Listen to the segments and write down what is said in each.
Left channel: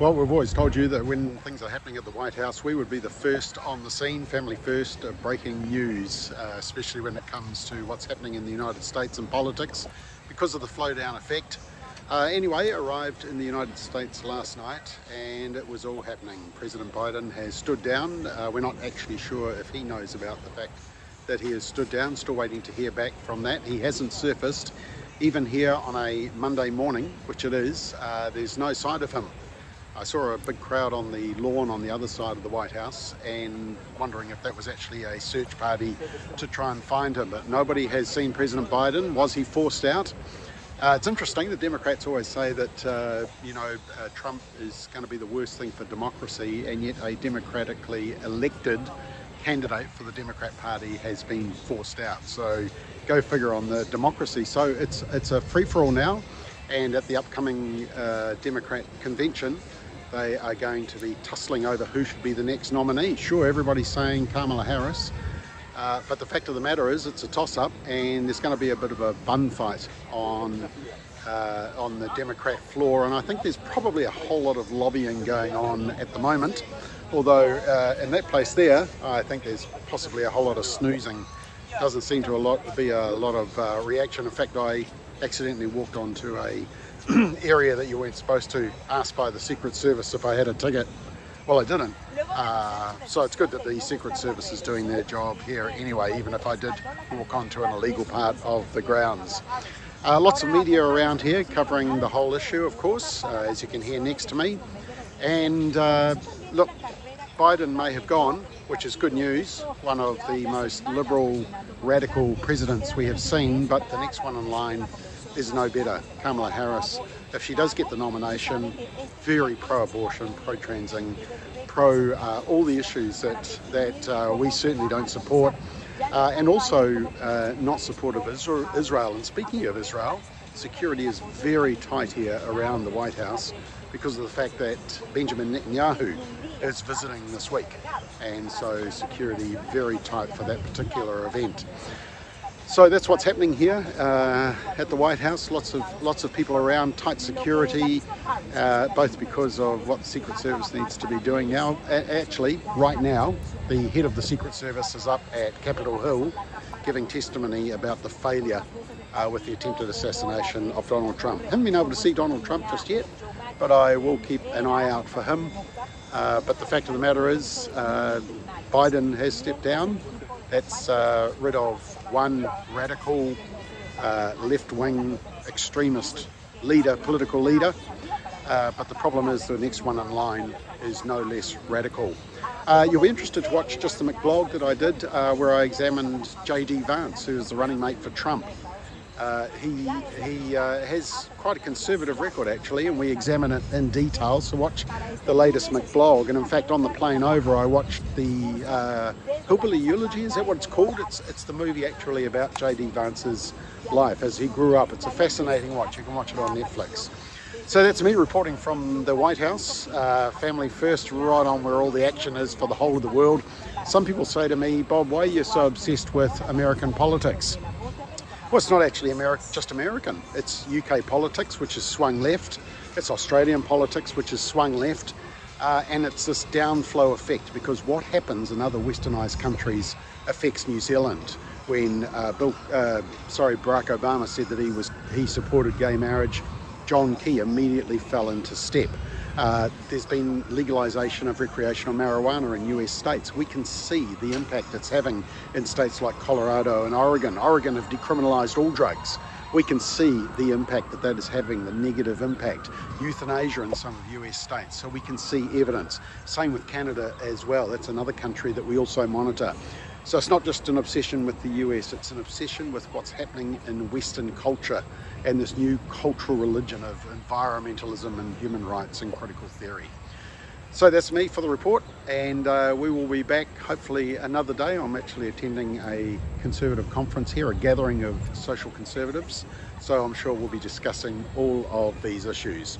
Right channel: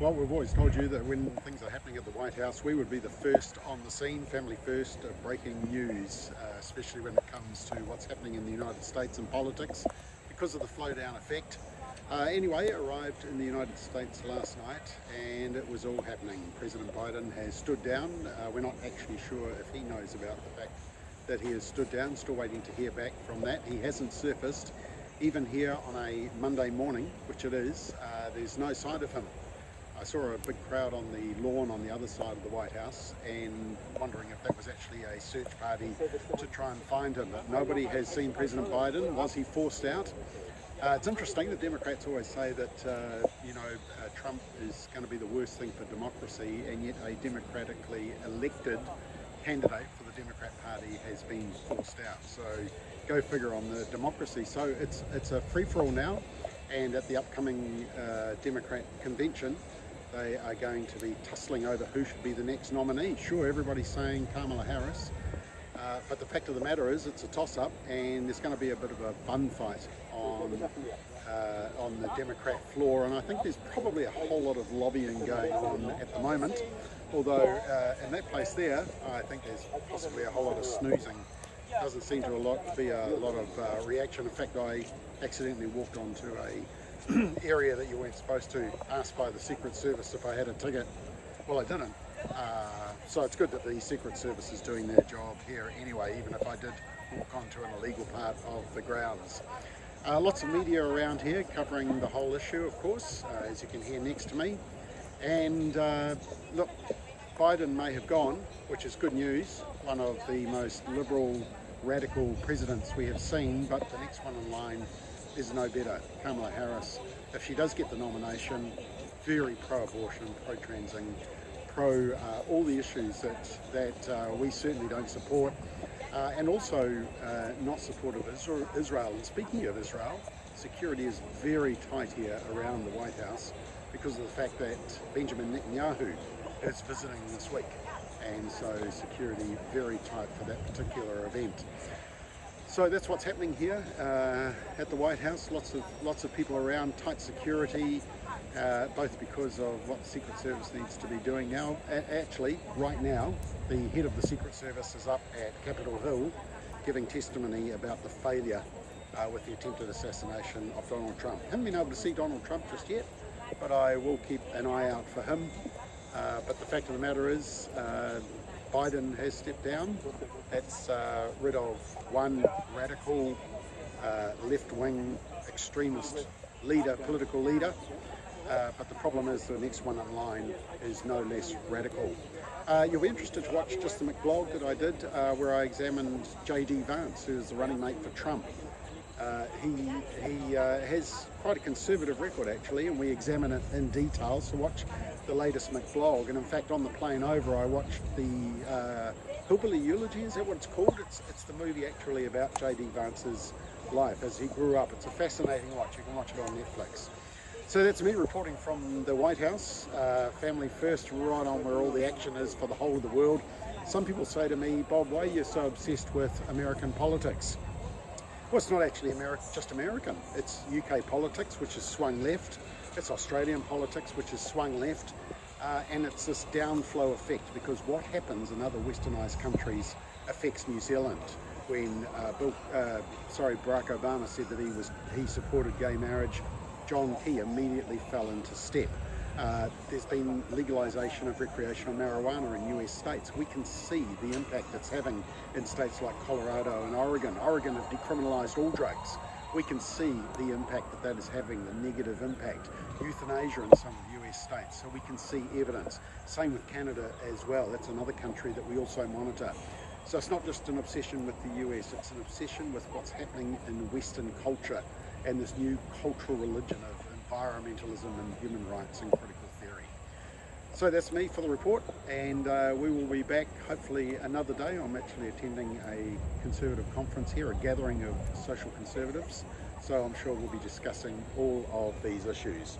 Well, we've always told you that when things are happening at the White House, we would be the first on the scene, family first, breaking news, especially when it comes to what's happening in the United States and politics, because of the flow down effect. Anyway, arrived in the United States last night and it was all happening. President Biden has stood down. We're not actually sure if he knows about the fact that he has stood down, still waiting to hear back from that. He hasn't surfaced. Even here on a Monday morning, which it is, there's no sign of him. I saw a big crowd on the lawn on the other side of the White House and wondering if that was actually a search party to try and find him, but nobody has seen President Biden. Was he forced out? It's interesting, the Democrats always say that Trump is going to be the worst thing for democracy, and yet a democratically elected candidate for the Democrat Party has been forced out. So go figure on the democracy. So it's a free-for-all now, and at the upcoming Democrat convention they are going to be tussling over who should be the next nominee. Sure, everybody's saying Kamala Harris, but the fact of the matter is it's a toss-up, and there's going to be a bit of a bun fight on the Democrat floor, and I think there's probably a whole lot of lobbying going on at the moment, although in that place there I think there's possibly a whole lot of snoozing. Doesn't seem to be a lot of reaction. In fact, I accidentally walked onto a area that you weren't supposed to, asked by the Secret Service if I had a ticket. Well, I didn't. So it's good that the Secret Service is doing their job here anyway, even if I did walk onto an illegal part of the grounds. Lots of media around here covering the whole issue, of course, as you can hear next to me. And look, Biden may have gone, which is good news, one of the most liberal, radical presidents we have seen, but the next one in line is no better. Kamala Harris, if she does get the nomination, very pro-abortion, pro-transing, pro all the issues that we certainly don't support, and also not supportive of Israel. And speaking of Israel, security is very tight here around the White House because of the fact that Benjamin Netanyahu is visiting this week, and so security very tight for that particular event. So that's what's happening here at the White House. Lots of people around, tight security, both because of what the Secret Service needs to be doing now. Actually, right now, the head of the Secret Service is up at Capitol Hill giving testimony about the failure with the attempted assassination of Donald Trump. Haven't been able to see Donald Trump just yet, but I will keep an eye out for him. But the fact of the matter is, Biden has stepped down. That's rid of one radical left-wing extremist leader, political leader, but the problem is the next one in line is no less radical. You'll be interested to watch just the McBLOG that I did where I examined J.D. Vance, who is the running mate for Trump. He has quite a conservative record actually, and we examine it in detail, so watch the latest McBLOG. And in fact, on the plane over I watched the Hillbilly Eulogy, is that what it's called? It's the movie actually about J.D. Vance's life as he grew up. It's a fascinating watch. You can watch it on Netflix. So that's me reporting from the White House, family first, right on where all the action is for the whole of the world. Some people say to me, Bob, why are you so obsessed with American politics? Well, it's not actually just American. It's UK politics, which has swung left. It's Australian politics, which has swung left. And it's this downflow effect, because what happens in other westernised countries affects New Zealand. When Barack Obama said that he supported gay marriage, John Key immediately fell into step. There's been legalisation of recreational marijuana in US states. We can see the impact it's having in states like Colorado and Oregon. Oregon have decriminalised all drugs. We can see the impact that is having, the negative impact. Euthanasia in some of US states, so we can see evidence. Same with Canada as well. That's another country that we also monitor. So it's not just an obsession with the US, it's an obsession with what's happening in Western culture and this new cultural religion of environmentalism and human rights and critical theory. So that's me for the report, and we will be back hopefully another day. I'm actually attending a conservative conference here, a gathering of social conservatives, so I'm sure we'll be discussing all of these issues.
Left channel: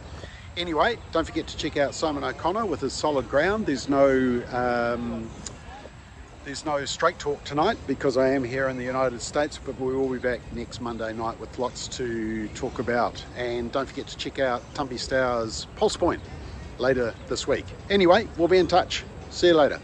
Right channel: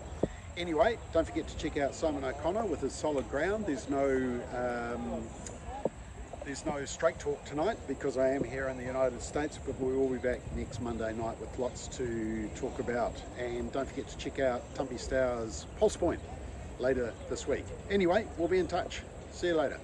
Anyway, don't forget to check out Simon O'Connor with his Solid Ground. There's no straight talk tonight because I am here in the United States, but we will be back next Monday night with lots to talk about. And don't forget to check out Tumpy Stour's Pulse Point. later this week. Anyway, we'll be in touch. See you later.